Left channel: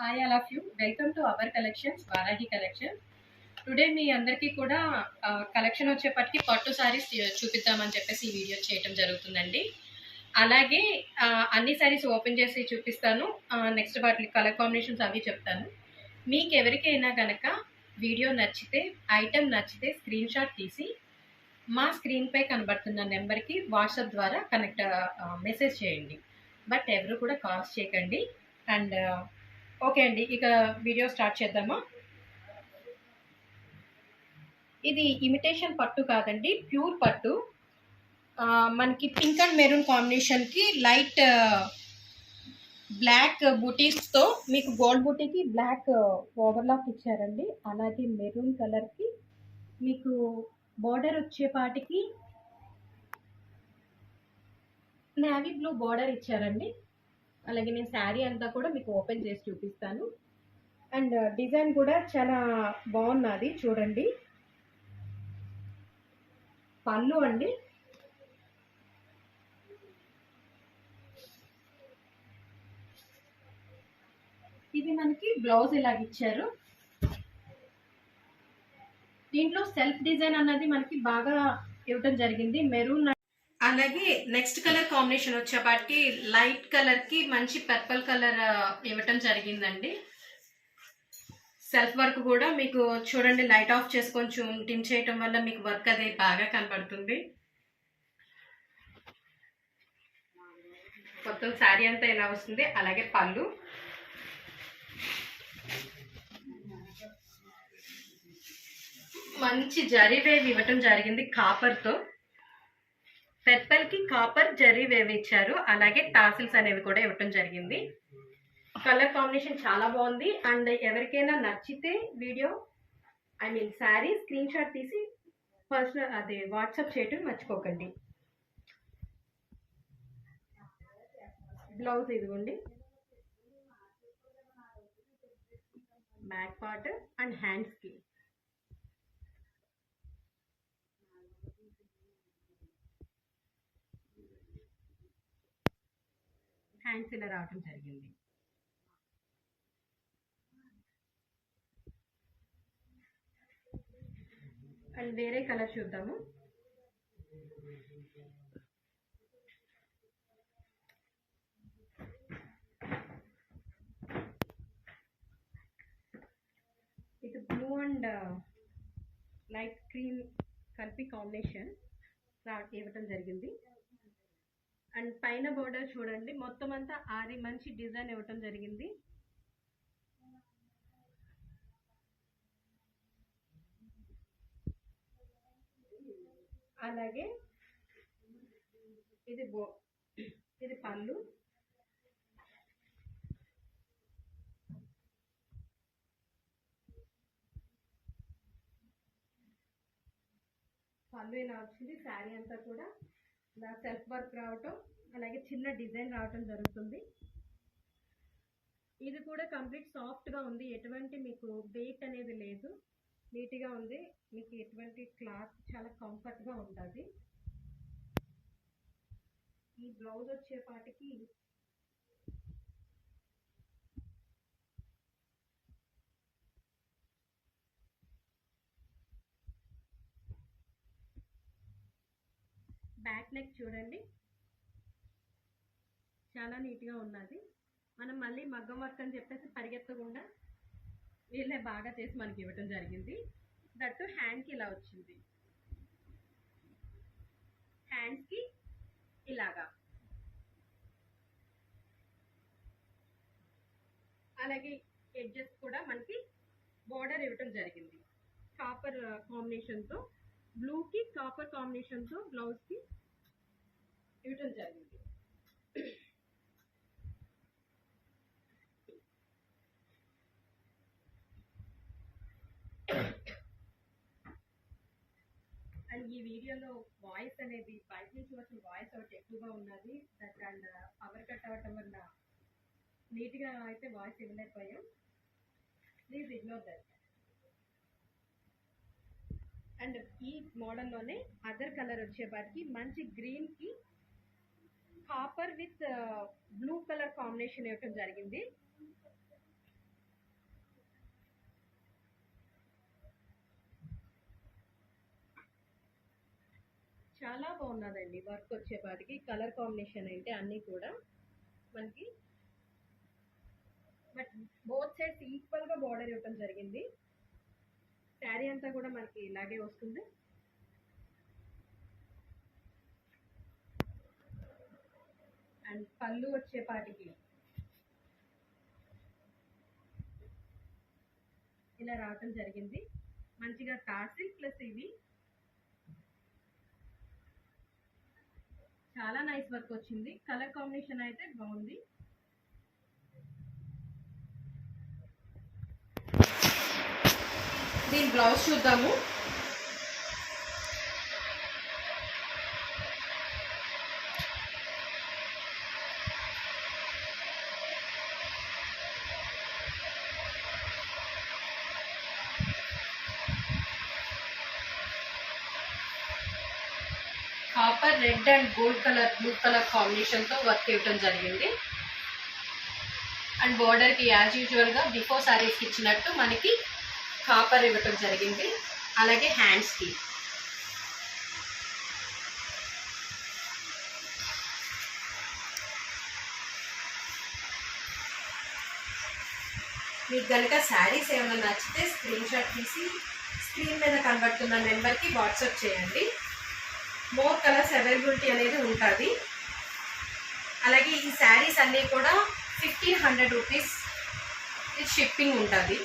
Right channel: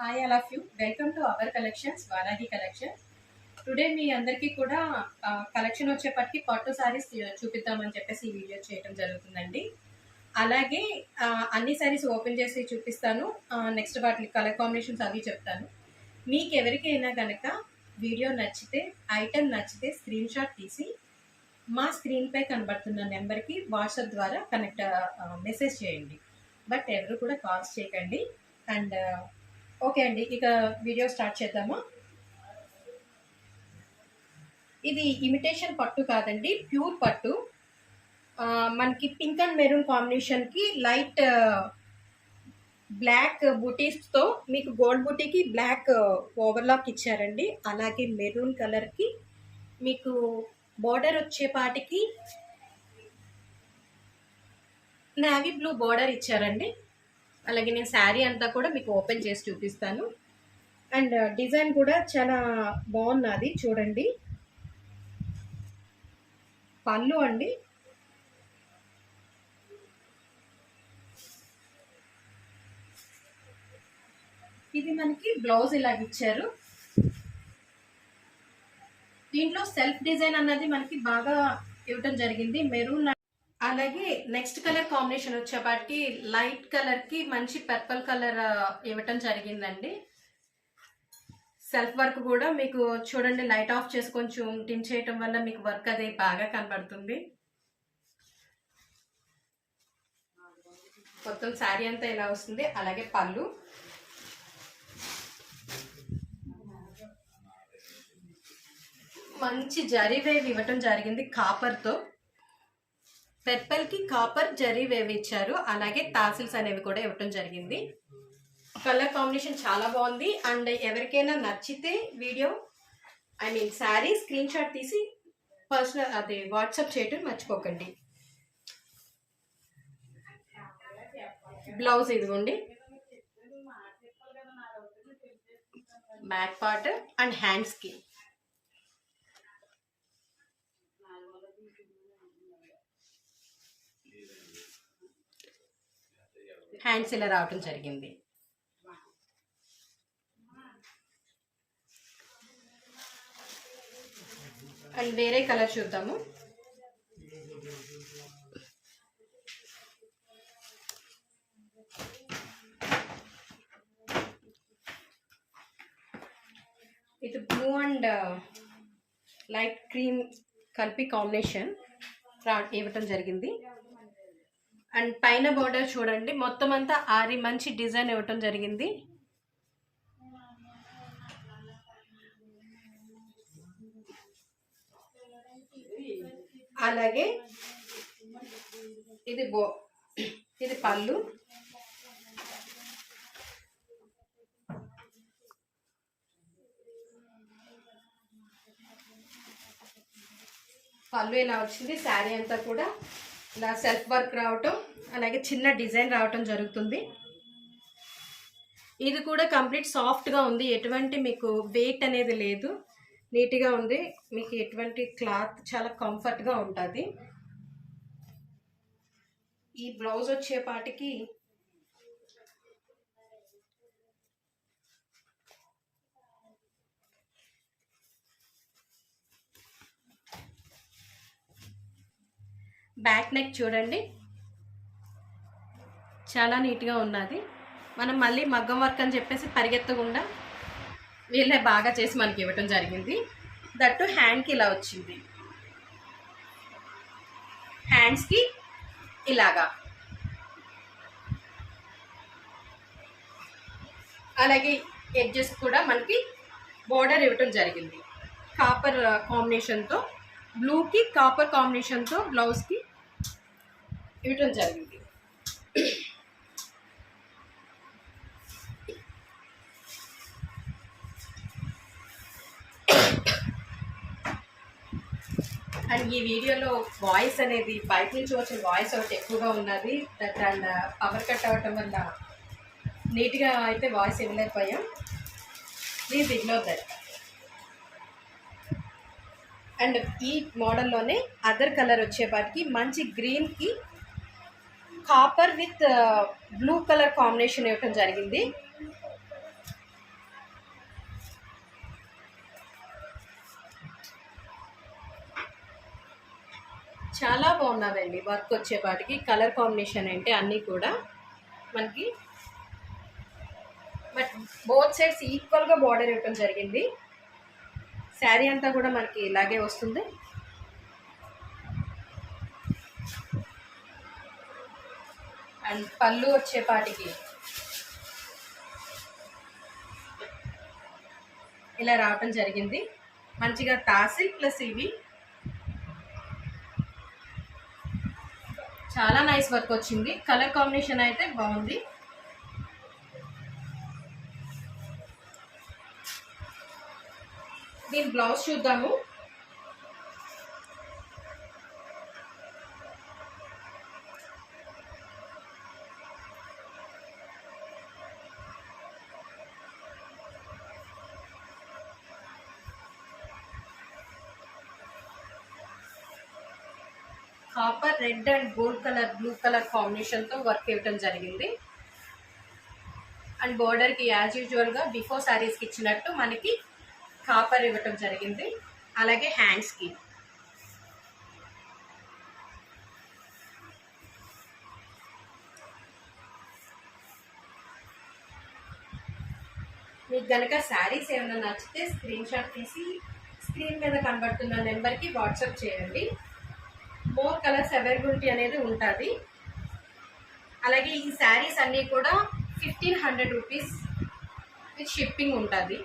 Hi all of you, welcome to our collections Varahi collections. Today మీ అందరికీ కూడా collection వచ్చేపటికి పట్టు శారీస్ చూపిద్దామని చెప్పేసి ఈ వీడియో చేయటం జరుగుతుందండి. అలాగే అన్ని శారీస్ ఓపెన్ చేసి చూపిస్తాను. నెక్స్ట్ వాటి కలర్ కాంబినేషన్స్ అవి చెప్తాను. మీకు ఎవరికైనా కనుక వీడియో నచ్చితే, ఐటెం నచ్చితే స్క్రీన్ షాట్ తీసి మా స్క్రీన్పై కనబడుతున్న నెంబర్కి వాట్సాప్ ద్వారా మెసేజ్ చేయండి. బట్ ఎవరు కూడా కాల్స్ చేయకండి. అండ్ ఓకే అండి, ఇక వీడియో స్టార్ట్ చేద్దామా. ఇది ఇమిటేషన్ పట్టు కాదండి, ప్యూర్ పట్టు. మనకి పింక్ అండ్ మెరూన్ కాంబినేషన్కి లైట్ బ్లాక్ బూటీస్తో మీకు గోల్డ్ బూటీకి బ్లాక్ ఓవర్లాక్ ఇచ్చారండి. అలాగే మెరూన్ కలర్కి మీకు బార్డర్ వచ్చేపాటికి నేవీ బ్లూ బార్డర్ ఇచ్చారండి. అలాగే నేను శారీ అంతా కూడా మీకు ఓపెన్ చేసి చూపిస్తాను. అండ్ డిజైన్ కూడా చాలా బాగున్నది చూడండి. పళ్ళు అండి, ఇది మనకి బ్లౌజ్ ఇలాగ ఇచ్చారు. దీంట్లో సెల్ఫ్ డిజైన్ అన్నది మనకి బాగా ఇవ్వటం జరిగింది, మెరూన్. అలాగే నెక్స్ట్ కలర్ కాంబినేషన్ వచ్చేపాటికి లైట్ కలర్కి మంచి పర్పుల్ కలర్ ఇవ్వటం జరిగిందండి. సెల్ఫ్ వర్క్ కూడా మీకు చూడండి, లైట్ ఆఫ్ చేసి కొంచెం టిమ్ చేయటం వల్ల మీకు వర్క్ అది బాగా కనబడుతుంది. మొత్తం శారీ అంతా ఇలా వస్తుంది. అలాగే పళ్ళు మంచి జరీ వేవ్ ఇవ్వటం జరిగింది కాపర్తో. పెర్పల్కి కాపర్ జరీ వేవ్ ఇచ్చారు. అలాగే టాసిల్స్ అనేవి కూడా ఇవ్వటం జరిగింది. కలర్ కాంబినేషన్ చాలా బాగుంది. అండ్ ఎవరికైనా నచ్చితే వీడియో శారీ స్క్రీన్ షాట్ తీసి పర్సనల్ అదే వాట్సాప్ చేయటం మర్చిపోకండి. బ్లౌజ్ ఇదిగోండి, బ్యాక్ పార్ట్ అండ్ హ్యాండ్స్కి హ్యాండ్స్ ఇలా రావటం జరిగింది. అండ్ వేరే కలర్ చూద్దాము. ఇది బ్లూ అండ్ లైట్ క్రీమ్ కలిపి కాంబినేషన్ ఇవ్వటం జరిగింది. అండ్ పైన బార్డర్ చూడండి, మొత్తం అంతా ఆరి మంచి డిజైన్ ఇవ్వటం జరిగింది. అలాగే ఇది పళ్ళు. పళ్ళు ఇలా వచ్చింది. శారీ అంతా కూడా ఇలా సెల్ఫ్ వర్క్ రావటం, అలాగే చిన్న డిజైన్ రావటం జరుగుతుంది. ఇది కూడా కంప్లీట్ సాఫ్ట్గా ఉంది, ఎటువంటి మీకు వెయిట్ అనేది లేదు, నీట్గా ఉంది. మీకు ఎటువంటి క్లాత్ చాలా కంఫర్ట్గా ఉంటుంది. ఈ బ్లౌజ్ వచ్చేపాటికి బ్యాక్ నెక్ చూడండి, చాలా నీట్గా ఉన్నది. మనం మళ్ళీ మగ్గం వర్క్ అని చెప్పేసి పరిగెత్తకుండా వీళ్ళే బాగా చేసి మనకి ఇవ్వటం జరిగింది. దట్టు హ్యాండ్కి ఇలా వచ్చింది, హ్యాండ్స్కి ఇలాగా. అలాగే ఎడ్జెస్ కూడా మనకి బోర్డర్ ఇవ్వటం జరిగింది కాపర్ కాంబినేషన్తో. బ్లూకి కాపర్ కాంబినేషన్తో బ్లౌజ్కి ఇవ్వటం జరిగింది. అండ్ ఈ వీడియోలో వాయిస్ అనేది బయట నుంచి వచ్చిన వాయిస్ ఒకటి ఎక్కువగా ఉన్నది. దట్ అండ్ పవర్ కట్ అవ్వటం వల్ల నీట్గా అయితే వాయిస్ ఇవ్వలేకపోయాం, ప్లీజ్ ఇగ్నోర్ దట్. అండ్ ఈ మోడల్లోనే అదర్ కలర్ వచ్చేపాటికి మంచి గ్రీన్కి copper with blue colour combination ఇవ్వటం జరిగింది. చాలా బాగున్నదండి వర్క్ వచ్చేపాటికి. కలర్ కాంబినేషన్ అంటే అన్నీ కూడా మనకి బట్ బోత్ సైడ్స్ ఈక్వల్గా బార్డర్ ఇవ్వడం జరిగింది. శారీ అంతా కూడా మనకి ఇలాగే వస్తుంది. అండ్ పళ్ళు వచ్చేపాటికి ఇలా రావటం జరిగింది. మంచిగా తాసిల్ ప్లస్ ఇవి చాలా నైస్ వర్క్ వచ్చింది. కలర్ కాంబినేషన్ అయితే బాగుంది. దీని బ్లౌజ్ చూద్దాము. Copper red and gold colour blue colour కాంబినేషన్తో వర్క్ ఇవ్వటం జరిగింది. అండ్ బోర్డర్కి యాజ్ యూజువల్గా బిఫోర్ శారీస్కి ఇచ్చినట్టు మనకి కాపర్ ఇవ్వటం జరిగింది. అలాగే హ్యాండ్స్కి మీకు కనుక శారీస్ ఏమైనా నచ్చితే స్క్రీన్ షాట్ తీసి స్క్రీన్ మీద కనబడుతున్న నెంబర్కి వాట్సాప్ చేయండి. మోర్ కలర్స్ అవైలబిలిటీ అనేది ఉంటుంది. అలాగే ఈ శారీస్ అన్నీ కూడా 1500 రూపీస్ షిప్పింగ్ ఉంటుంది.